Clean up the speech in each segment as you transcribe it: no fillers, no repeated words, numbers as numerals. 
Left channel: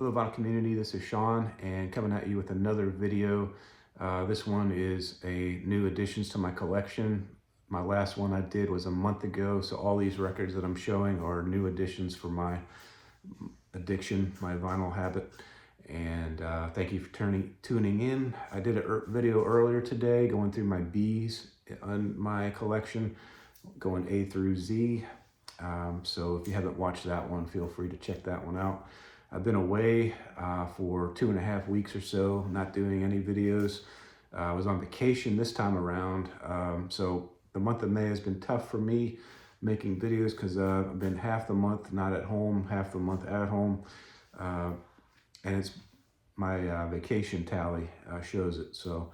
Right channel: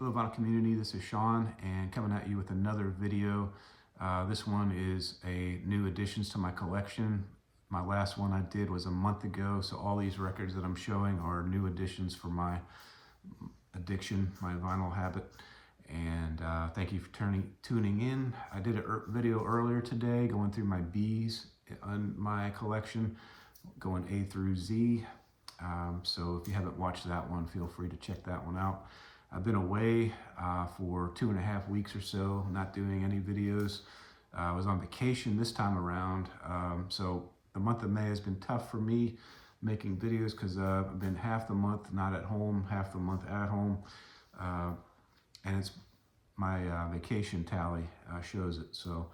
Hello vinyl community, this is Sean and coming at you with another video. This one is a new additions to my collection. My last one I did was a month ago, so all these records that I'm showing are new additions for my addiction, my vinyl habit. And thank you for tuning in. I did a video earlier today going through my B's on my collection, going A through Z. So if you haven't watched that one, feel free to check that one out. I've been away for 2.5 weeks or so, not doing any videos. I was on vacation this time around, so the month of May has been tough for me making videos because I've been half the month not at home, half the month at home, and it's my vacation tally shows it. So,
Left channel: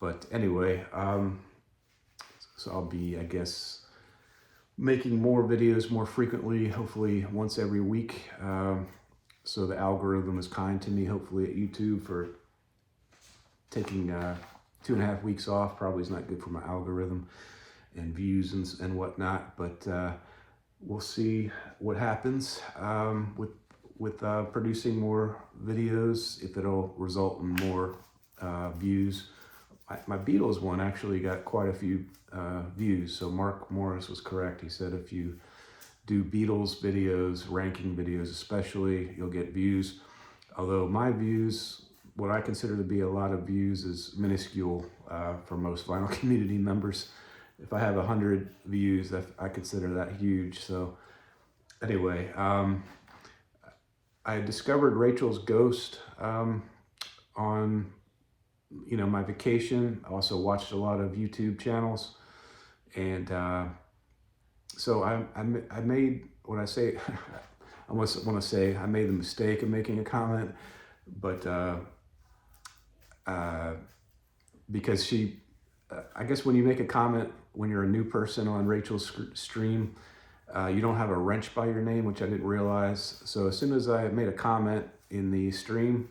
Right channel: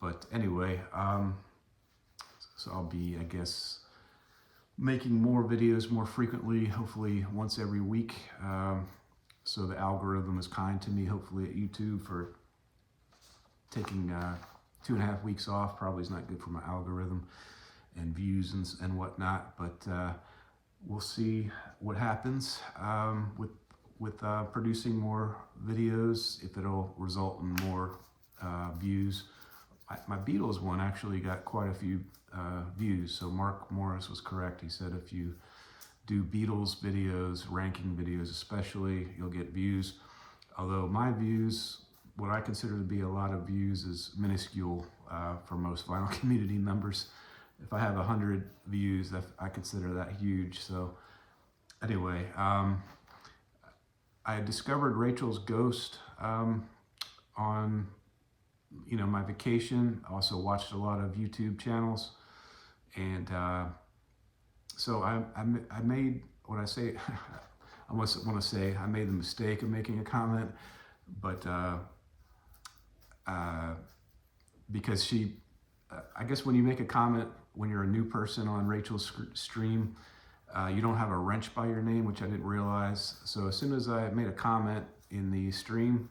but anyway, so I'll be, I guess, making more videos more frequently, hopefully once every week. So the algorithm is kind to me, hopefully, at YouTube for taking 2.5 weeks off. Probably is not good for my algorithm and views and whatnot, but we'll see what happens with producing more videos, if it'll result in more views. My Beatles one actually got quite a few views, so Mark Morris was correct. He said if you do Beatles videos, ranking videos especially, you'll get views. Although my views, what I consider to be a lot of views, is minuscule for most vinyl community members. If I have 100 views, I consider that huge. So anyway, I discovered Rachel's Ghost on my vacation. I also watched a lot of YouTube channels, and so I made what I say. I almost want to say I made the mistake of making a comment, but because she, I guess when you make a comment when you're a new person on Rachel's stream, you don't have a wrench by your name, which I didn't realize. So as soon as I made a comment in the stream,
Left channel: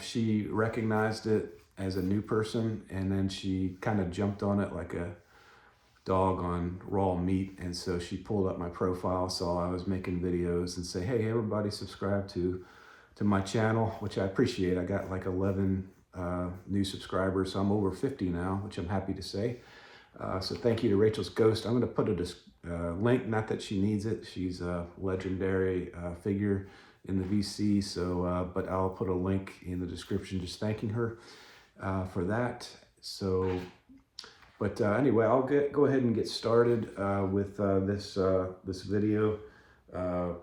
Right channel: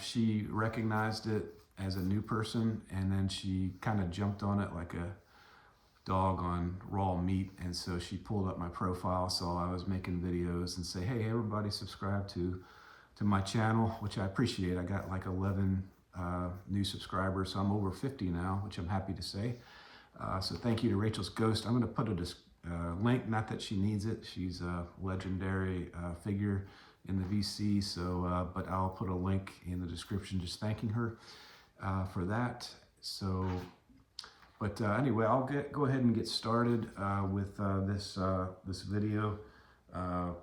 she recognized it as a new person, and then she kind of jumped on it like a dog on raw meat. And so she pulled up my profile, saw I was making videos, and say, hey, everybody subscribe to my channel, which I appreciate. I got like 11 new subscribers, so I'm over 50 now, which I'm happy to say. So thank you to Rachel's Ghost. I'm going to put a link, not that she needs it. She's a legendary figure in the VC, so but I'll put a link in the description just thanking her for that. So, but anyway, I'll go ahead and get started with this video. I've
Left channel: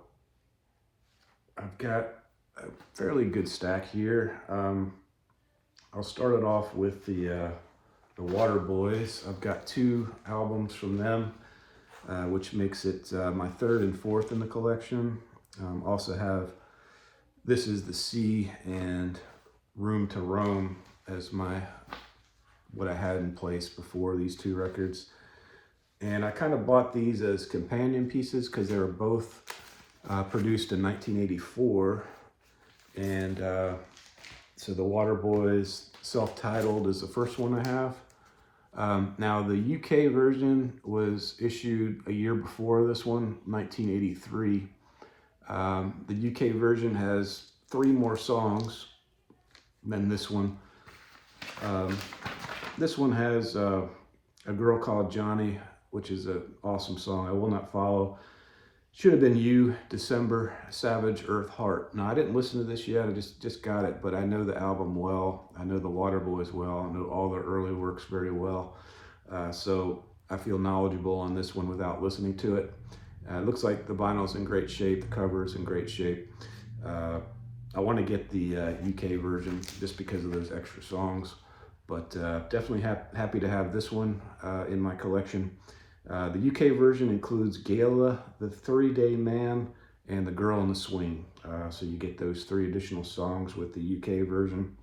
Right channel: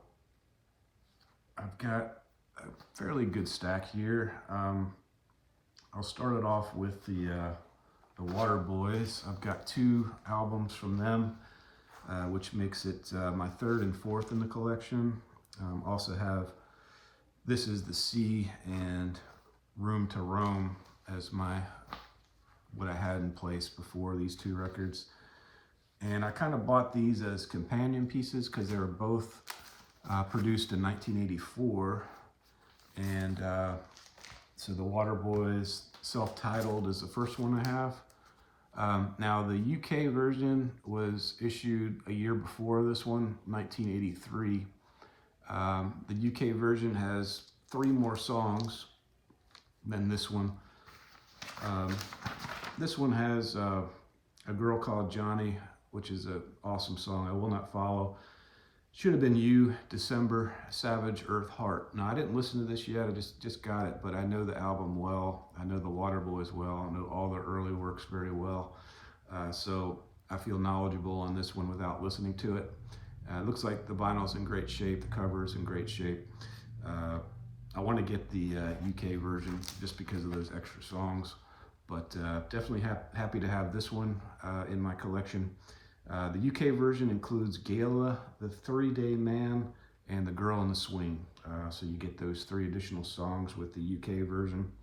got a fairly good stack here. I'll start it off with the Waterboys. I've got 2 albums from them, which makes it my 3rd and 4th in the collection. Also have This Is the Sea and Room to Roam as what I had in place before these 2 records. And I kind of bought these as companion pieces because they were both produced in 1984. And so the Waterboys self-titled is the first one I have. Now the UK version was issued a year before this one, 1983. The UK version has 3 more songs than this one. This one has A Girl Called Johnny, which is an awesome song. I Will Not Follow, Should Have Been You, December, Savage, Earth, Heart. Now I didn't listen to this yet, I just got it, but I know the album well. I know the Waterboys well. I know all their early works very well. So I feel knowledgeable on this one without listening to it. It looks like the vinyl's in great shape, the cover's in great shape. I want to get the UK version just because of those extra songs, but definitely happy to have this one in my collection. The UK version includes Gala, The 3-Day Man, and The Girl in the Swing. So you get those 3 additional songs with the UK version.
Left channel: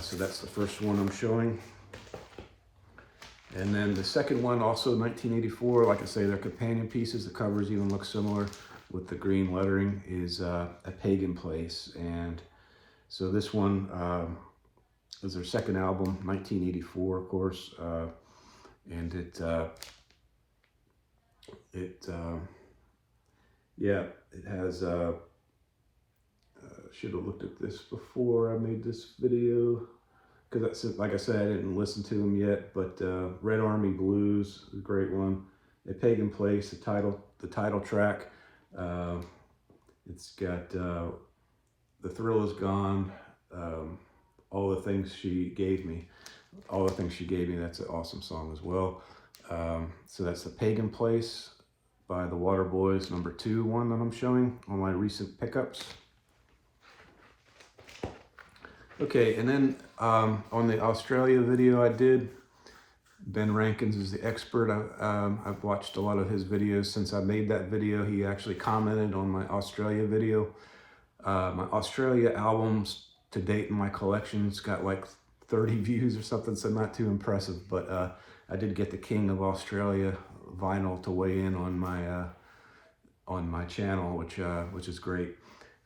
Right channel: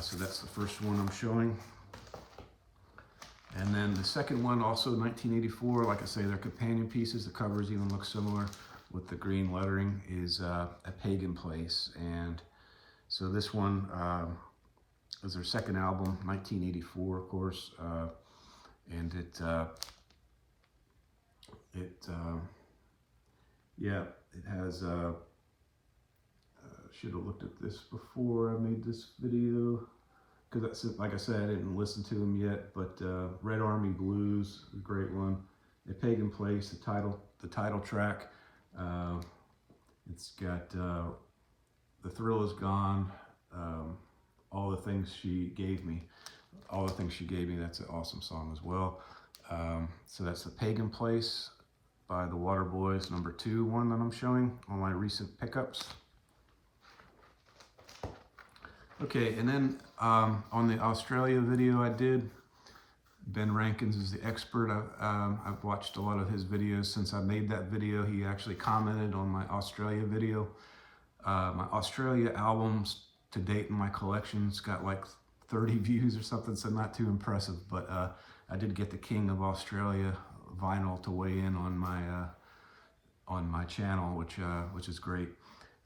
So that's the first one I'm showing. And then the second one, also 1984, like I say, they're companion pieces. The covers even look similar with the green lettering, is A Pagan Place. And so this one is their second album, 1984, of course. And it has should have looked at this before I made this video, because like I said, I didn't listen to them yet. But Red Army Blues, a great one. A Pagan Place, the title track. It's got The Thrill Is Gone, All the Things She Gave Me. All the Things She Gave Me, that's an awesome song as well. So that's The Pagan Place by the Waterboys, number 2 one that I'm showing on my recent pickups. Okay, and then on the Australia video I did, Ben Rankins is the expert. I've watched a lot of his videos since I made that video. He actually commented on my Australia video. My Australia albums to date in my collection's got like 30 views or something, so not too impressive. But I did get the King of Australia vinyl to weigh in on my channel, which is great.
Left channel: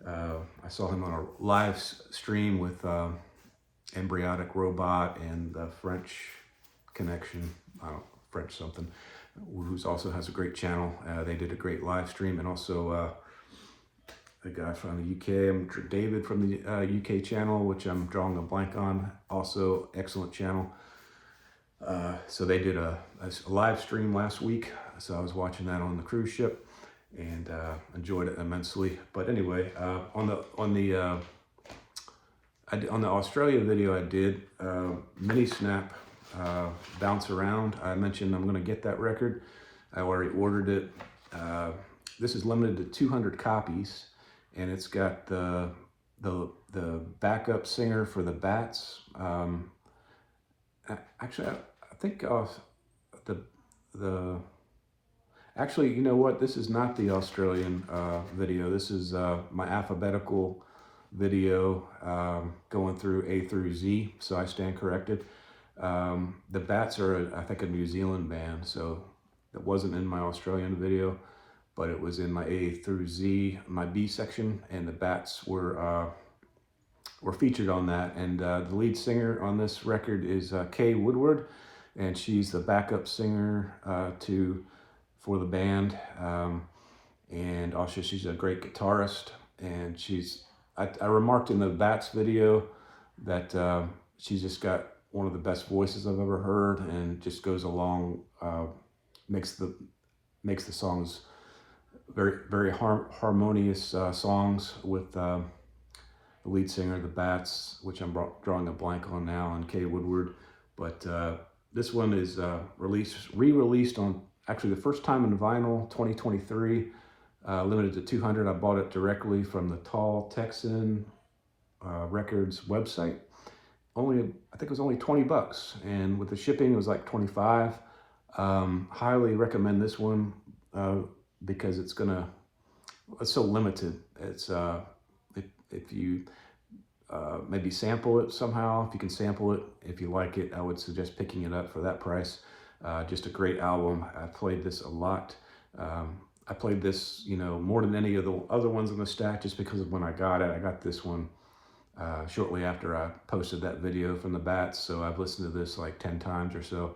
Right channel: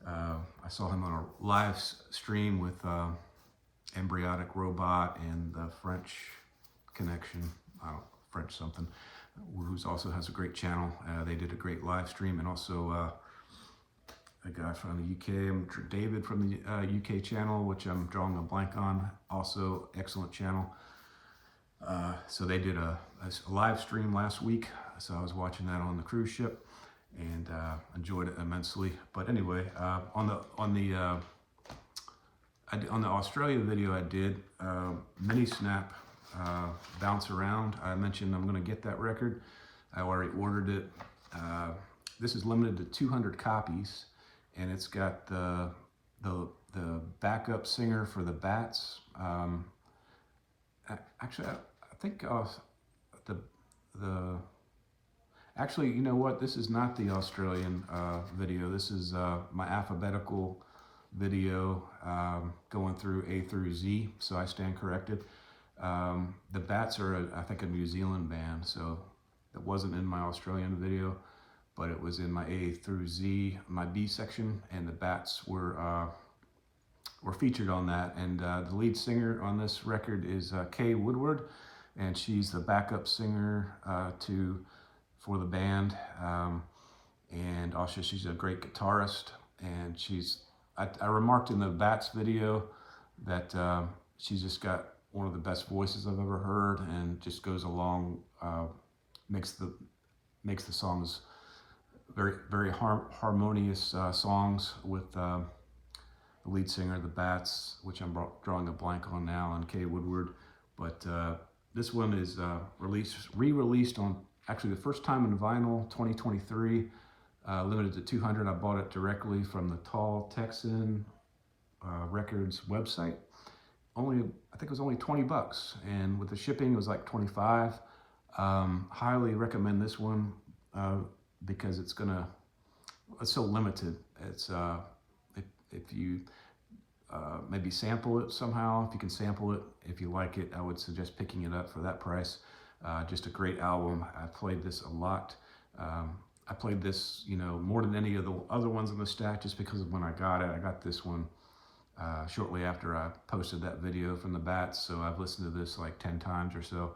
I saw him on a live stream with Embryotic Robot and the French Connection, French something, who's also has a great channel. They did a great live stream, and also a guy from the UK, David from the UK channel, which I'm drawing a blank on, also excellent channel. So they did a live stream last week, so I was watching that on the cruise ship and enjoyed it immensely. But anyway, on the Australia video I did, Minisnap, Bounce Around. I mentioned I'm going to get that record. I already ordered it. This is limited to 200 copies, and it's got the backup singer for the Bats. Actually, I think actually, you know what? This is not the Australian video. This is my alphabetical video going through A through Z, so I stand corrected. The Bats are, I think, a New Zealand band, so that wasn't in my Australian video, but it was in my A through Z, my B section, and the Bats were featured on that. And the lead singer on this record is Kay Woodward, and she's the backup singer for the band, and also she's a great guitarist. And I remarked in the Bats video that she's just got one of the best voices I've ever heard, and just goes along, makes the songs very, very harmonious songs with the lead singer of the Bats, which I'm drawing a blank on now, on Kay Woodward. But this one is re-released on, actually the first time in vinyl, 2023, limited to 200. I bought it directly from the Tall Texan Records website. I think it was only 20 bucks, and with the shipping it was like 25. Highly recommend this one because it's so limited. It's if you maybe sample it somehow, if you can sample it, if you like it, I would suggest picking it up for that price. Just a great album. I played this a lot. I played this, more than any of the other ones in the stack, just because of when I got it. I got this one shortly after I posted that video from the Bats, so I've listened to this like 10 times or so,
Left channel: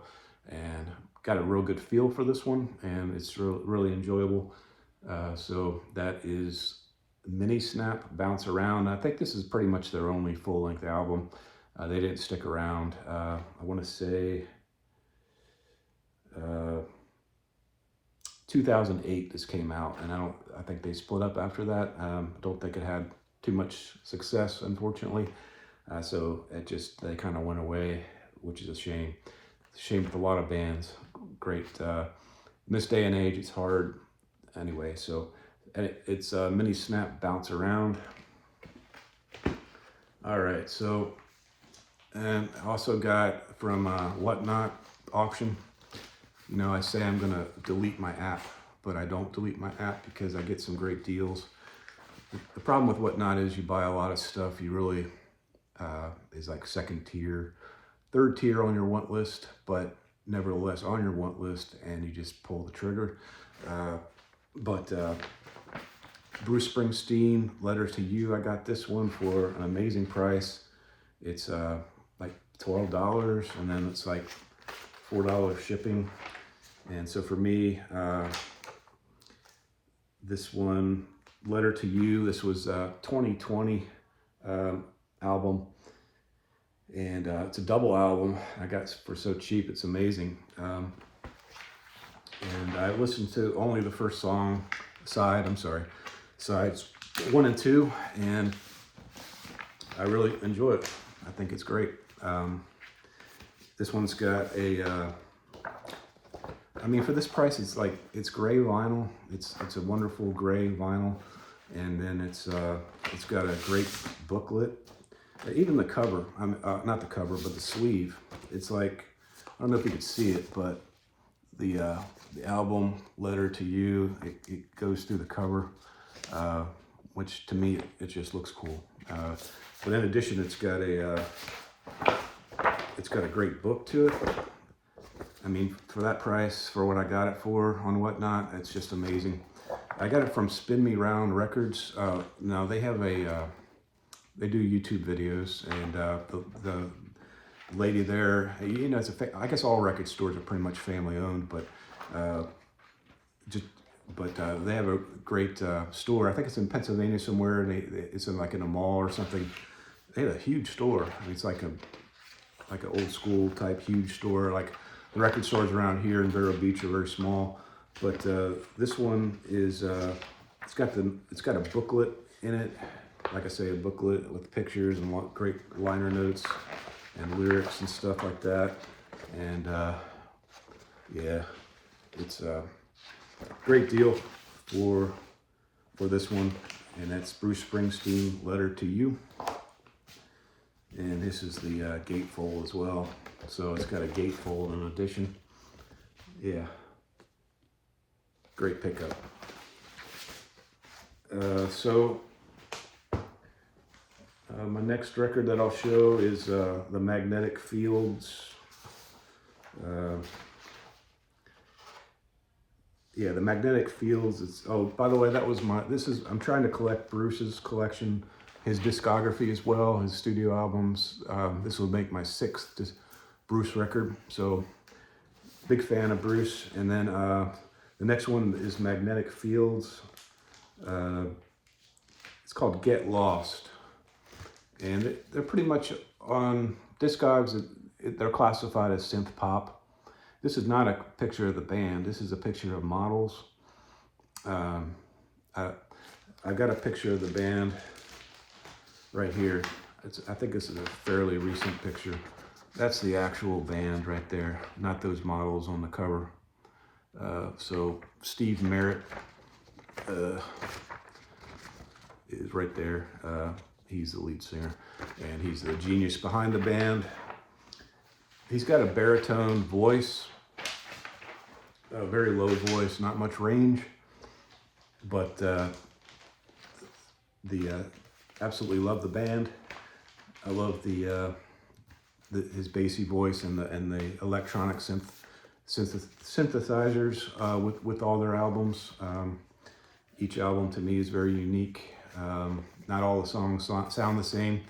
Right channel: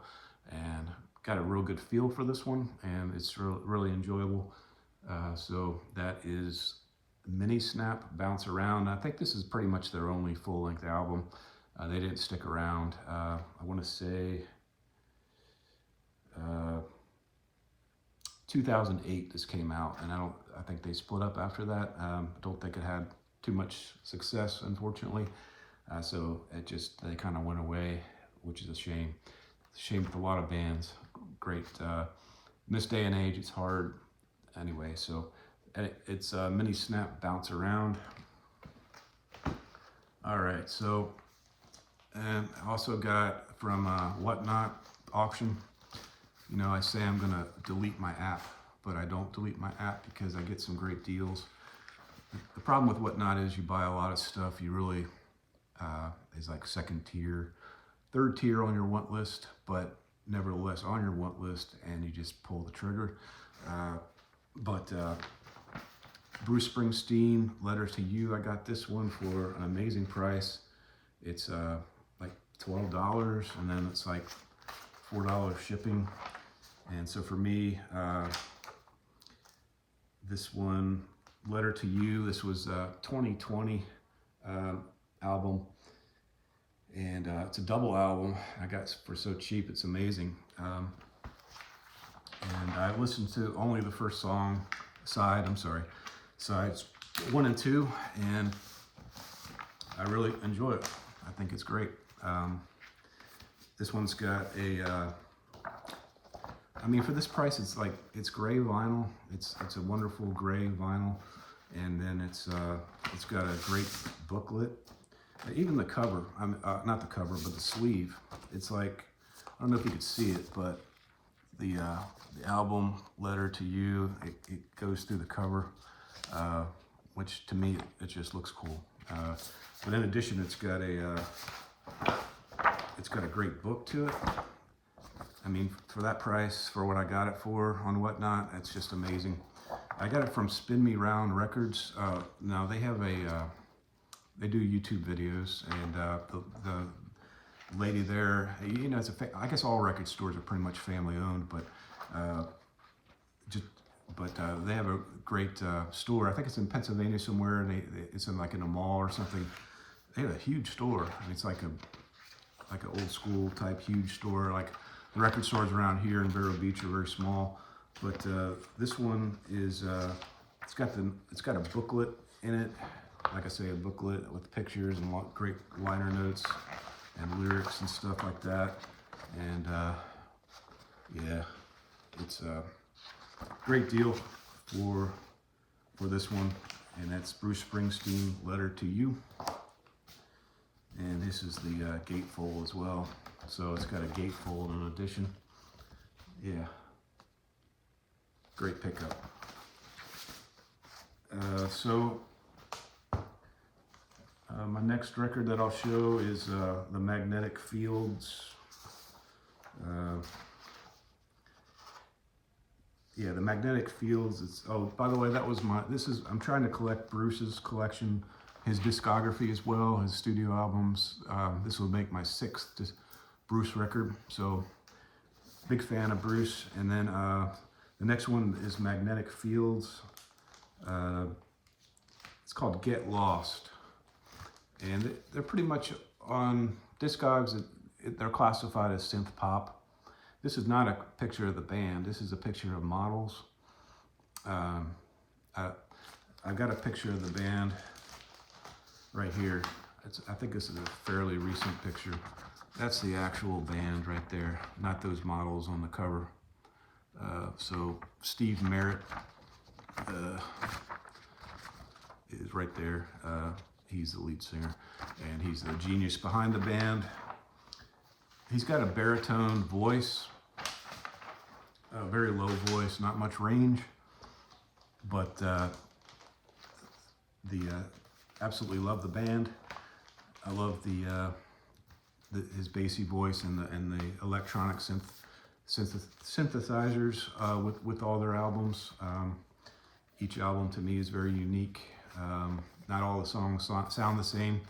and got a real good feel for this one, and it's really enjoyable. So that is Minisnap, Bounce Around. I think this is pretty much their only full-length album. They didn't stick around. I want to say 2008 this came out, and I think they split up after that. Don't think it had too much success, unfortunately. So they kind of went away, which is a shame. It's a shame with a lot of bands. Great. In this day and age, it's hard. Anyway, so it's Minisnap, Bounce Around. All right, so and I also got from Whatnot auction. I say I'm gonna delete my app, but I don't delete my app because I get some great deals. The problem with Whatnot is you buy a lot of stuff you really is like second tier, third tier on your want list, but nevertheless on your want list, and you just pull the trigger. But Bruce Springsteen, Letter to You, I got this one for an amazing price. It's like $12, and then it's like $4 shipping. And so for me, this one, Letter to You, this was 2020 album, and it's a double album I got for so cheap. It's amazing. And I listened to only the first sides 1 and 2, and I really enjoy it. I think it's great. This one's got a, I mean, for this price, it's gray vinyl. It's a wonderful gray vinyl, and then it's got a great booklet. Even the cover, not the cover, but the sleeve. It's like, I don't know if you could see it, but the album Letter to You, it goes through the cover, which to me, it just looks cool. But in addition, it's got a great book to it. I mean, for that price, for what I got it for on Whatnot, it's just amazing. I got it from Spin Me Round Records. Now they have they do YouTube videos, and the lady there, you know, I guess all record stores are pretty much family owned, but they have a great store. I think it's in Pennsylvania somewhere, and it's in a mall or something. They have a huge store. I mean, it's like an old school type huge store. Like the record stores around here in Vero Beach are very small, but this one is it's got a booklet in it. Like I say, a booklet with pictures and great liner notes and lyrics and stuff like that. And yeah, it's a great deal for this one. And that's Bruce Springsteen, Letter to You. And this is the gatefold as well. So it's got a gatefold in addition. Yeah, great pickup. My next record that I'll show is the Magnetic Fields. Yeah, the Magnetic Fields. Oh, by the way, I'm trying to collect Bruce's collection, his discography as well, his studio albums. This will make my 6th Bruce record. So, big fan of Bruce. And then the next one is Magnetic Fields. It's called Get Lost. And they're pretty much on Discogs. They're classified as synth pop. This is not a picture of the band. This is a picture of models. I got a picture of the band right here. I think this is a fairly recent picture. That's the actual band right there, not those models on the cover. So Steve Merritt is right there. He's the lead singer, and he's the genius behind the band. He's got a baritone voice, a very low voice, not much range, but absolutely love the band. I love his bassy voice and the electronic synthesizers with all their albums. Each album to me is very unique. Not all the songs sound the same.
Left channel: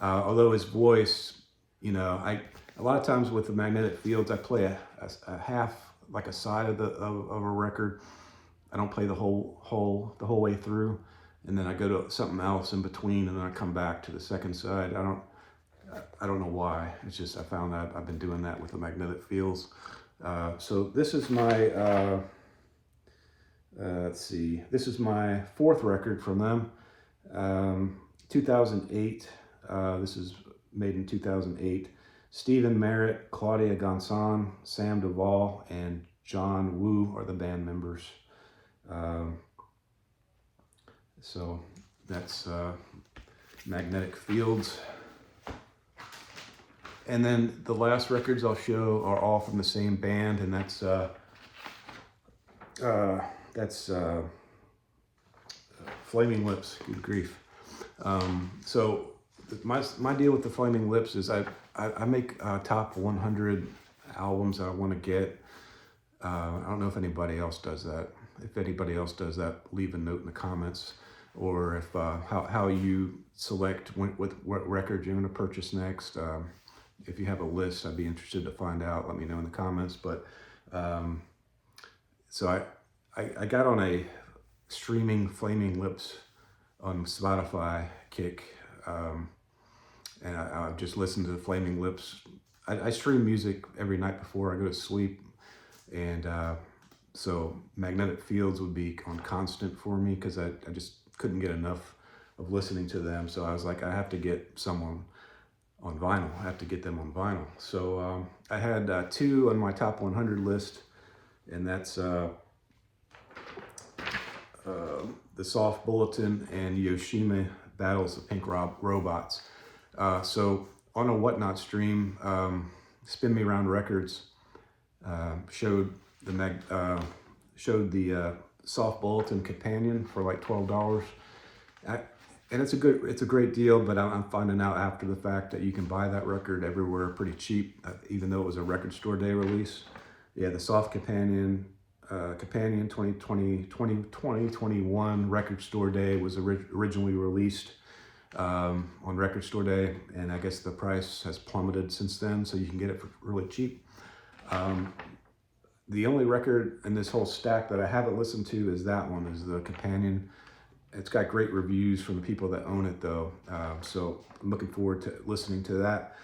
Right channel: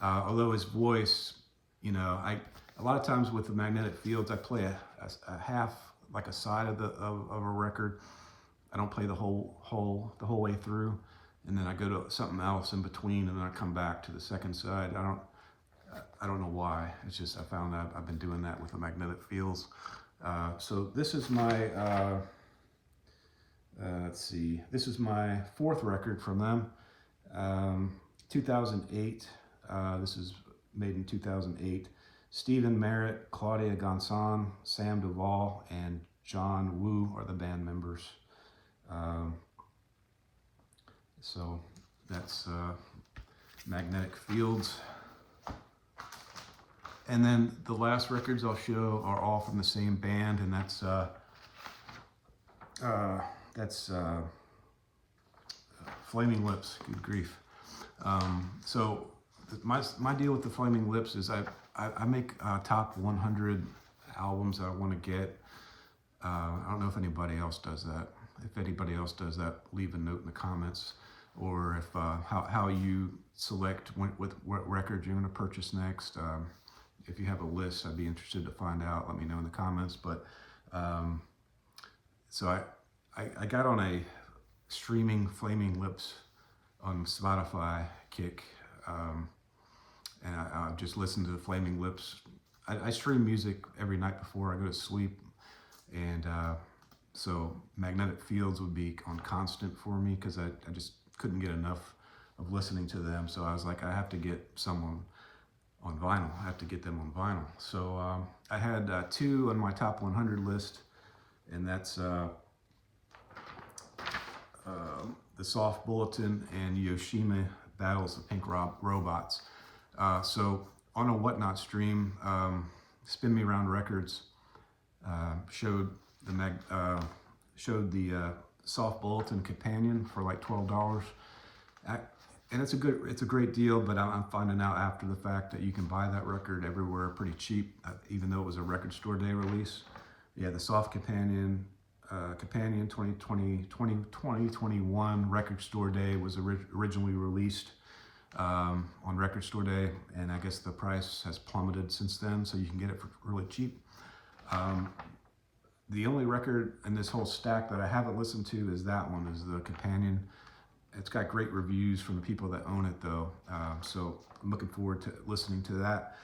Although his voice, you know, a lot of times with the Magnetic Fields, I play a half, like a side of a record. I don't play the whole way through, and then I go to something else in between, and then I come back to the second side. I don't know why. It's just I found that I've been doing that with the Magnetic Fields. So this is my let's see. This is my 4th record from them. 2008. This is made in 2008. Stephen Merritt, Claudia Gonson, Sam Duvall, and John Woo are the band members. So that's Magnetic Fields. And then the last records I'll show are all from the same band, and that's Flaming Lips. Good grief. So my deal with the Flaming Lips is I make top 100 albums I want to get. I don't know if anybody else does that. If anybody else does that, leave a note in the comments, or if how you select what record you're going to purchase next. If you have a list, I'd be interested to find out. Let me know in the comments. But so I got on a streaming Flaming Lips on Spotify kick. And I just listened to the Flaming Lips. I stream music every night before I go to sleep, and so Magnetic Fields would be on constant for me because I just couldn't get enough of listening to them. So I was like, I have to get someone on vinyl. I have to get them on vinyl. So I had two on my top 100 list, and that's the Soft Bulletin and Yoshimi Battles the Pink Robots. So on a Whatnot stream, Spin Me Round Records showed the Soft Bulletin Companion for like $12. And it's a great deal, but I'm finding out after the fact that you can buy that record everywhere pretty cheap, even though it was a record store day release. Yeah, the Soft Companion 2021 Record Store Day was originally released on Record Store Day, and I guess the price has plummeted since then, so you can get it for really cheap. The only record in this whole stack that I haven't listened to is that one, is the Companion. It's got great reviews from the people that own it though, so I'm looking forward to listening to that.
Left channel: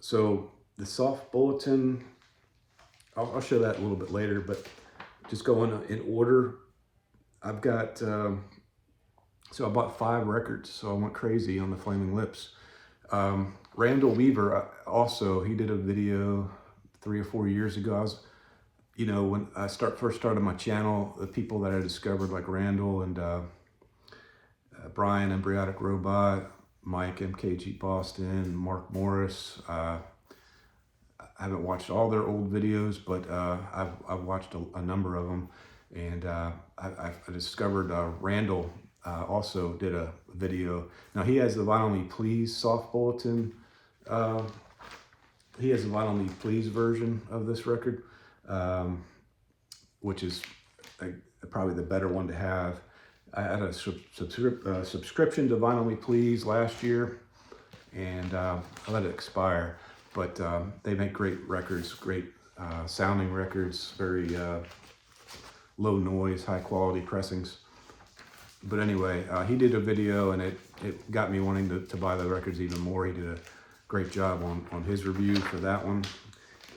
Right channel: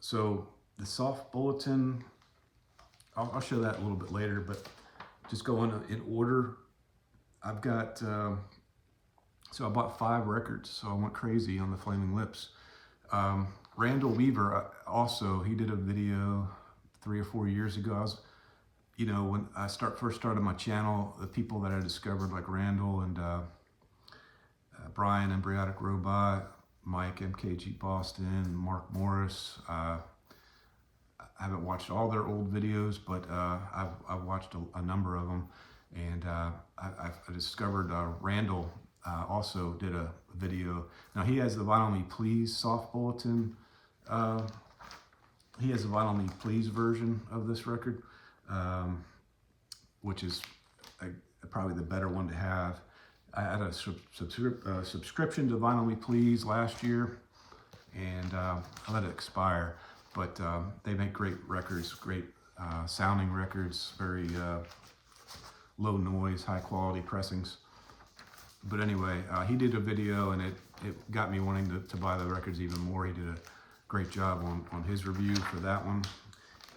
So the Soft Bulletin, I'll show that a little bit later, but just going in order, I've got, so I bought 5 records, so I went crazy on the Flaming Lips. Randall Weaver, also, he did a video 3 or 4 years ago. When I first started my channel, the people that I discovered, like Randall and Brian, Embryonic Robot, Mike, MKG Boston, Mark Morris. I haven't watched all their old videos, but I've watched a number of them, and I discovered Randall also did a video. Now he has the Vinyl Me Please Soft Bulletin. He has the Vinyl Me Please version of this record, which is probably the better one to have. I had a subscription to Vinyl Me Please last year, and I let it expire. But they make great records, great sounding records, very low noise, high quality pressings. But anyway, he did a video, and it got me wanting to buy the records even more. He did a great job on his review for that one.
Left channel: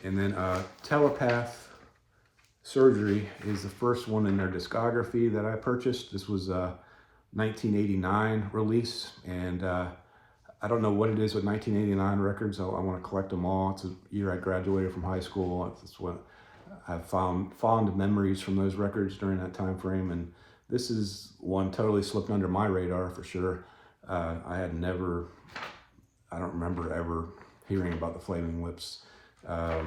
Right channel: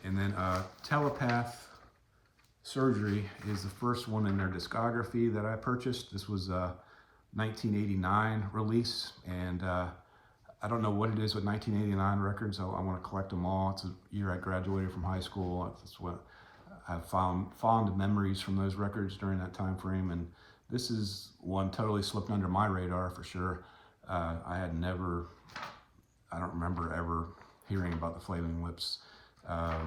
And then Telepath Surgery is the first one in their discography that I purchased. This was a 1989 release, and I don't know what it is with 1989 records. I want to collect them all. It's the year I graduated from high school. It's what I've found fond memories from those records during that time frame, and this is one totally slipped under my radar for sure. I don't remember ever hearing about the Flaming Lips. I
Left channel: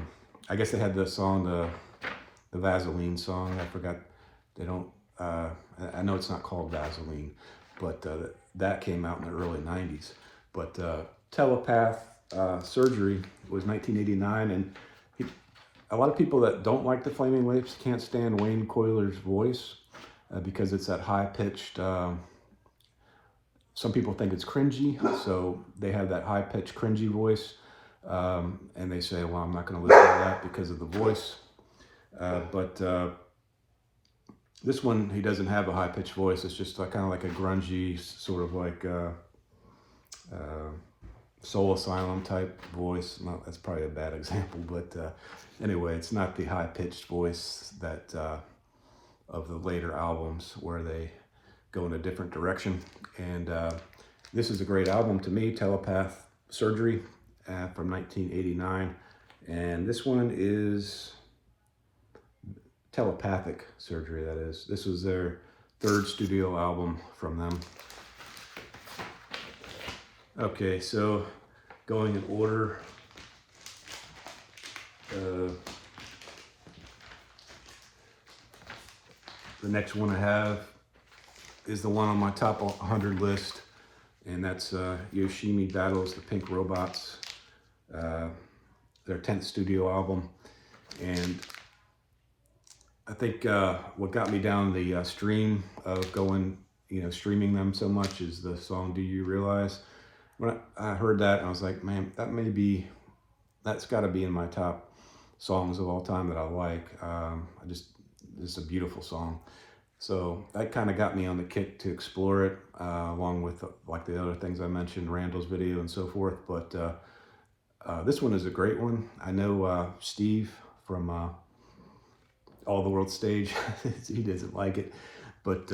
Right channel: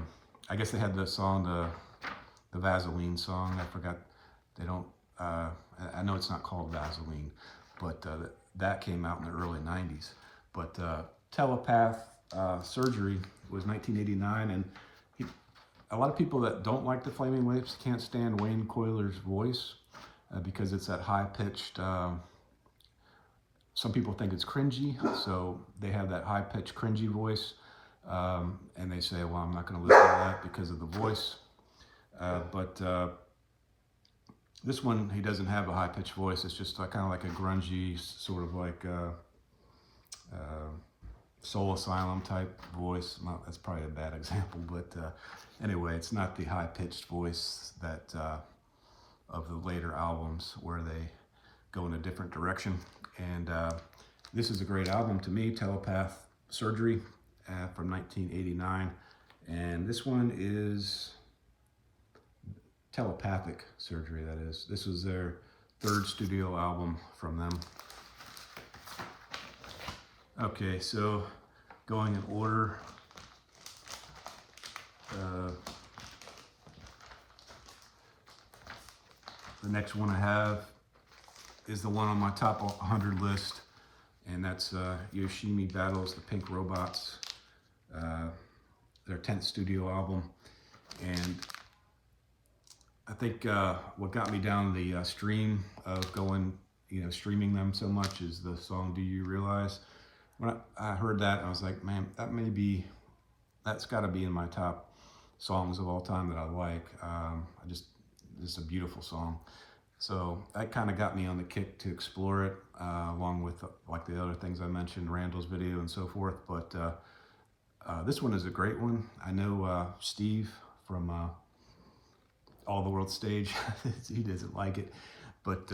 guess they had the song, the Vaseline song. I forgot. They don't. I know it's not called Vaseline, but that came out in the early '90s. But Telepath Surgery was 1989, and a lot of people that don't like the Flaming Lips can't stand Wayne Coyler's voice because it's that high-pitched. Some people think it's cringy, so they have that high-pitched, cringy voice, and they say, well, I'm not going to listen to that because of the voice. But this one, he doesn't have a high-pitched voice. It's just kind of like a grungy, sort of like Soul Asylum type voice. Well, that's probably a bad example, but anyway, it's not the high-pitched voice that of the later albums where they go in a different direction. And this is a great album to me, Telepath Surgery from 1989. And this one is Telepathic Surgery, that is. This was their 3rd studio album from them. Okay, so going in order, the next one I have is the one on my top 100 list, and that's Yoshimi Battles the Pink Robots, their 10th studio album. And I think what got me down the stream of going, streaming them so much is the song "Do You Realize?" When I heard that, I was like, man, that's got to be in my top songs of all time that I like. It's a beautiful song. So that kind of got me on the kick to explore it, along with like the other things I mentioned, Randall's video and so forth. But this one is a great one. I know Steve from All the World Stage, he doesn't like it, but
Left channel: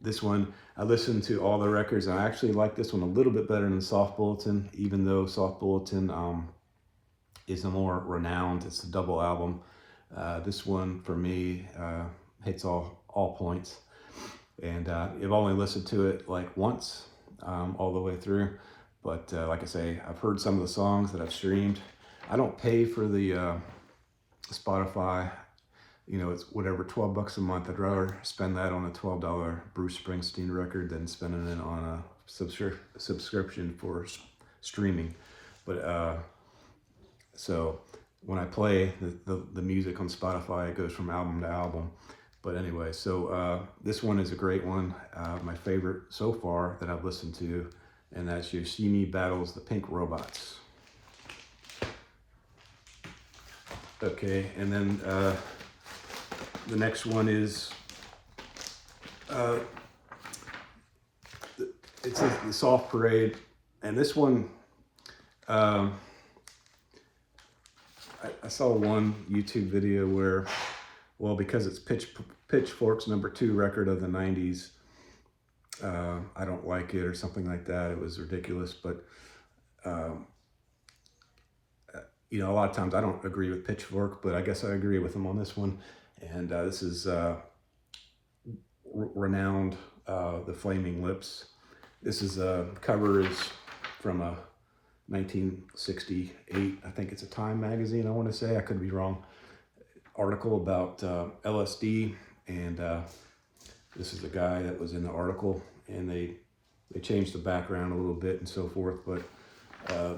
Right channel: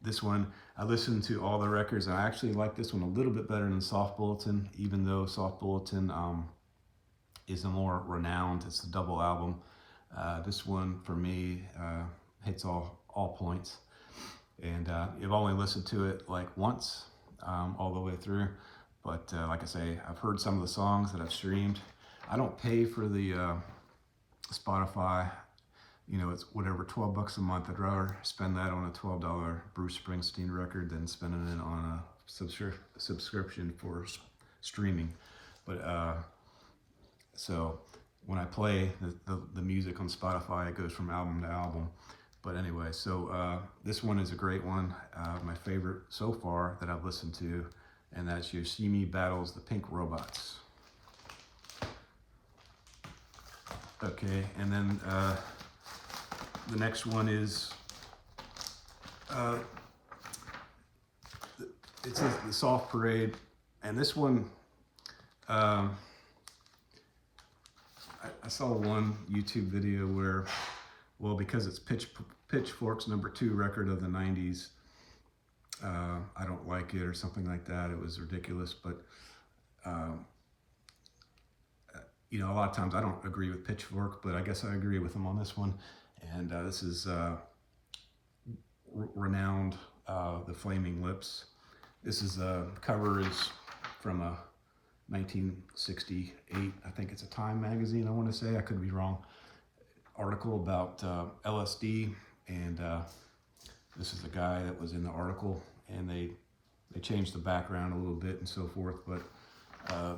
this one, I listened to all the records, and I actually like this one a little bit better than Soft Bulletin, even though Soft Bulletin is a more renowned, it's a double album. This one, for me, hits all points. And I've only listened to it like once, all the way through. But like I say, I've heard some of the songs that I've streamed. I don't pay for the Spotify. You know, it's whatever, 12 bucks a month. I'd rather spend that on a $12 Bruce Springsteen record than spending it on a subscription for streaming. But so when I play the music on Spotify, it goes from album to album. But anyway, so this one is a great one. My favorite so far that I've listened to, and that's You See Me Battles the Pink Robots. Okay, and then the next one is, it's the Soft Parade, and this one, I saw one YouTube video where, well, because it's Pitchfork's #2 record of the 90s, I don't like it or something like that. It was ridiculous, but you know, a lot of times I don't agree with Pitchfork, but I guess I agree with them on this one. And this is renowned, The Flaming Lips. This is cover is from a 1968, I think it's a Time magazine, I want to say, I could be wrong, article about LSD, and this is the guy that was in the article, and they changed the background a little bit and so forth, but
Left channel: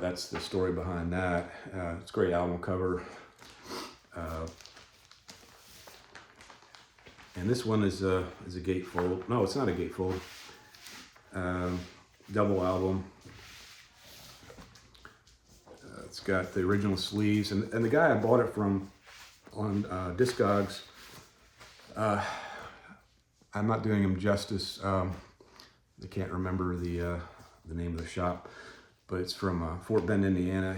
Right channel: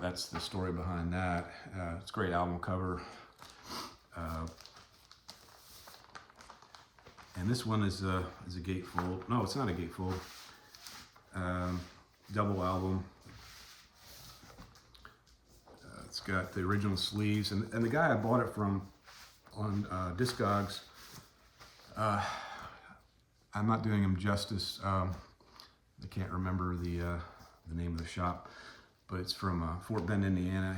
that's the story behind that. It's a great album cover. And this one is a gatefold. No, it's not a gatefold. Double album. It's got the original sleeves, and the guy I bought it from on Discogs, I'm not doing him justice. I can't remember the name of the shop, but it's from Fort Bend, Indiana.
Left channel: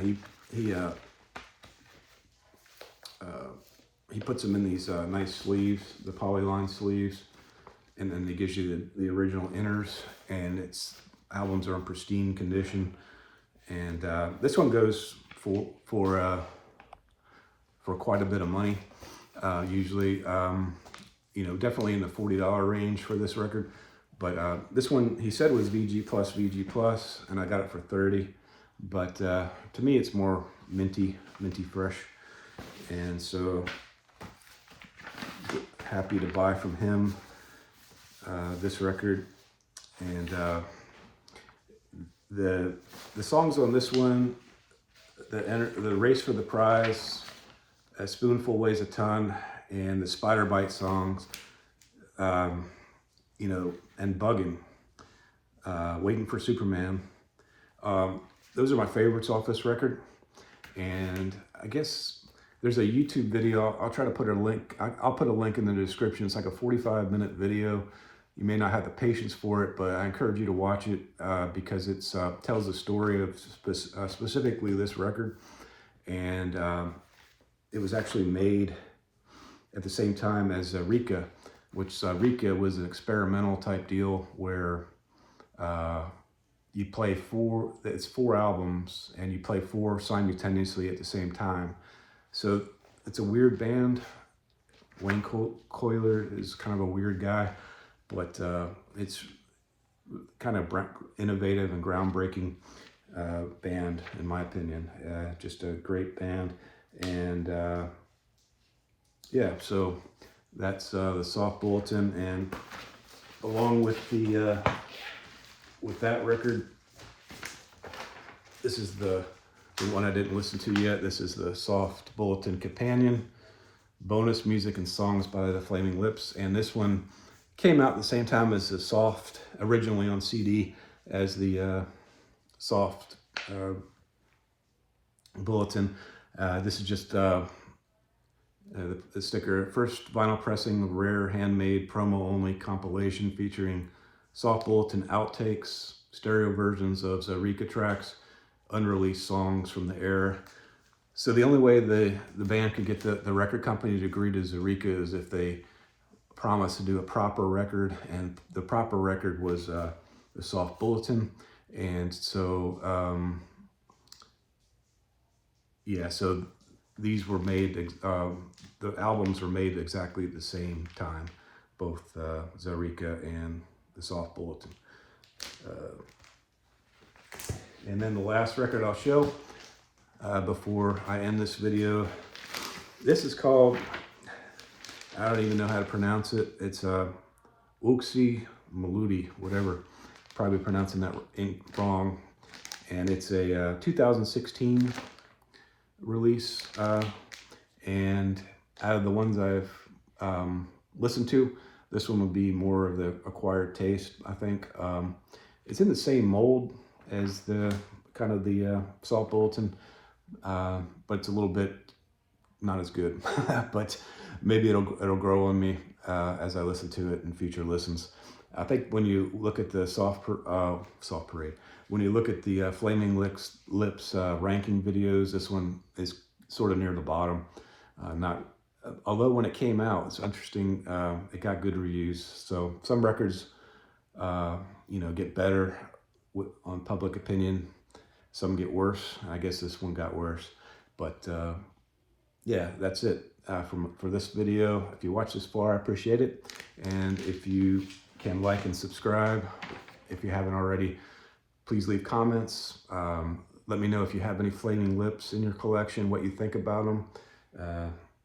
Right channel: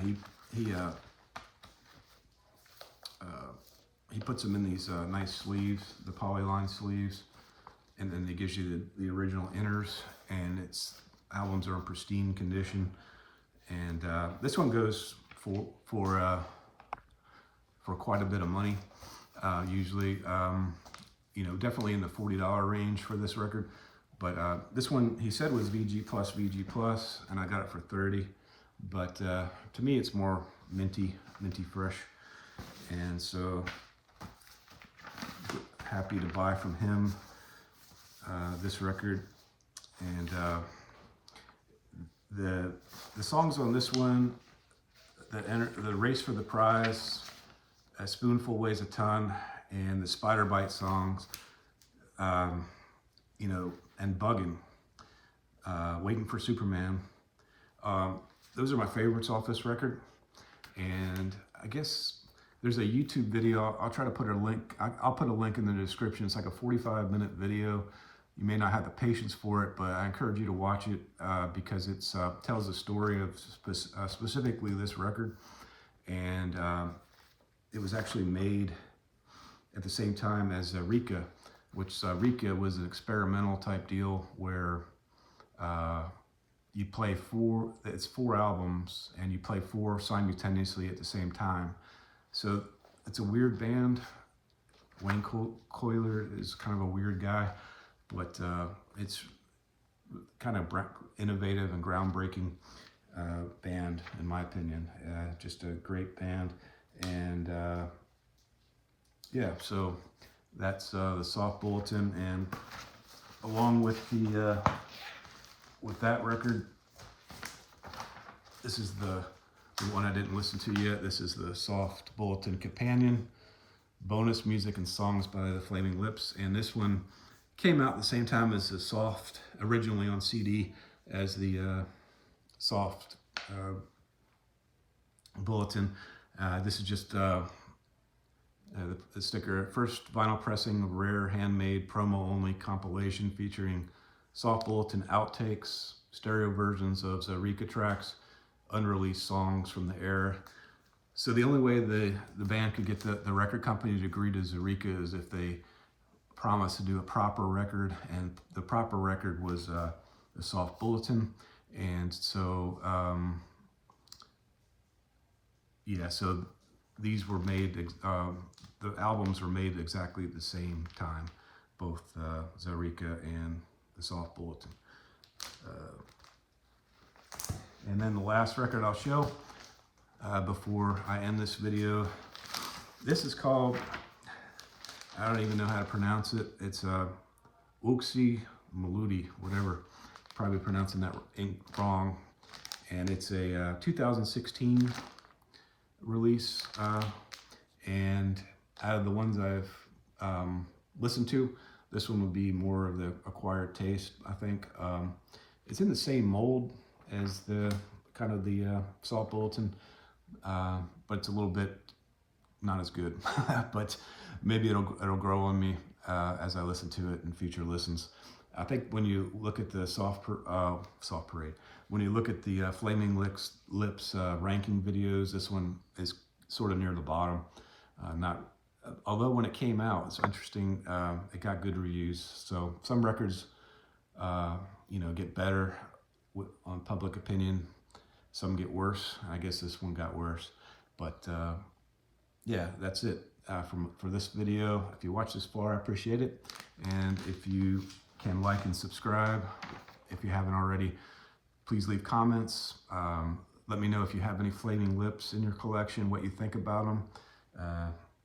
He puts them in these nice sleeves, the polyline sleeves, and then he gives you the original inners, and its albums are in pristine condition. And this one goes for quite a bit of money, usually. You know, definitely in the $40 range for this record. But this one, he said, was VG plus, and I got it for $30. But to me, it's more minty fresh. And so happy to buy from him this record. And the songs on this one, the Race for the Prize, A Spoonful Weighs a Ton, and the Spider Bite songs, you know, and Buggin', Waiting for Superman. Those are my favorites off this record. And I guess there's a YouTube video. I'll try to put a link. I'll put a link in the description. It's like a 45-minute video. You may not have the patience for it, but I encourage you to watch it because it tells the story of specifically this record. And it was actually made at the same time as Rika, which Rika was an experimental type deal where you play it's 4 albums and you play 4 simultaneously at the same time. So it's a weird band. Wayne Coyler is kind of a weird guy, but it's kind of innovative and groundbreaking band, in my opinion. Just a great band. And yeah, so that's the Soft Bulletin, and along with the with that record, this is the one I didn't listen to yet. This is the Soft Bulletin Companion, bonus music and songs by the Flaming Lips, and this one came out at the same time as the Soft, originally on CD as the Soft Bulletin. This is just The sticker, first vinyl pressing of rare handmade promo only compilation featuring soft bulletin outtakes, stereo versions of Zarica tracks, unreleased songs from the era. So the only way the band could get the record company to agree to Zarica is if they promised to do a proper record, and the proper record was the soft bulletin. And so yeah, so these were made, the albums were made exactly at the same time, both Zarica and the soft bulletin. And then the last record I'll show before I end this video, this is called, I don't even know how to pronounce it. It's Uksi Maludi, whatever. Probably pronouncing that wrong. And it's a 2016 release. And out of the ones I've listened to, this one would be more of the acquired taste, I think. It's in the same mold as the kind of the soft bulletin, but it's a little bit not as good. But maybe it'll grow on me as I listen to it in future listens. I think when you look at the soft parade, when you look at the Flaming Lips ranking videos, this one is sort of near the bottom. Although when it came out, it's interesting. It got good reviews. So some records, get better on public opinion. Some get worse. I guess this one got worse. But yeah, that's it for this video. If you watch this far, I appreciate it. And if you can like and subscribe, if you haven't already, please leave comments. Let me know if you have any Flaming Lips in your collection, what you think about them.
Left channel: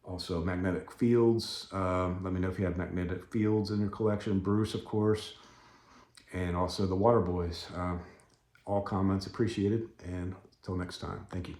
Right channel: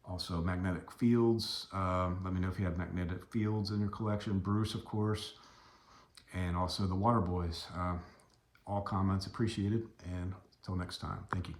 Also magnetic fields. Let me know if you have magnetic fields in your collection. Bruce, of course. And also the Waterboys. All comments appreciated. And until next time, thank you.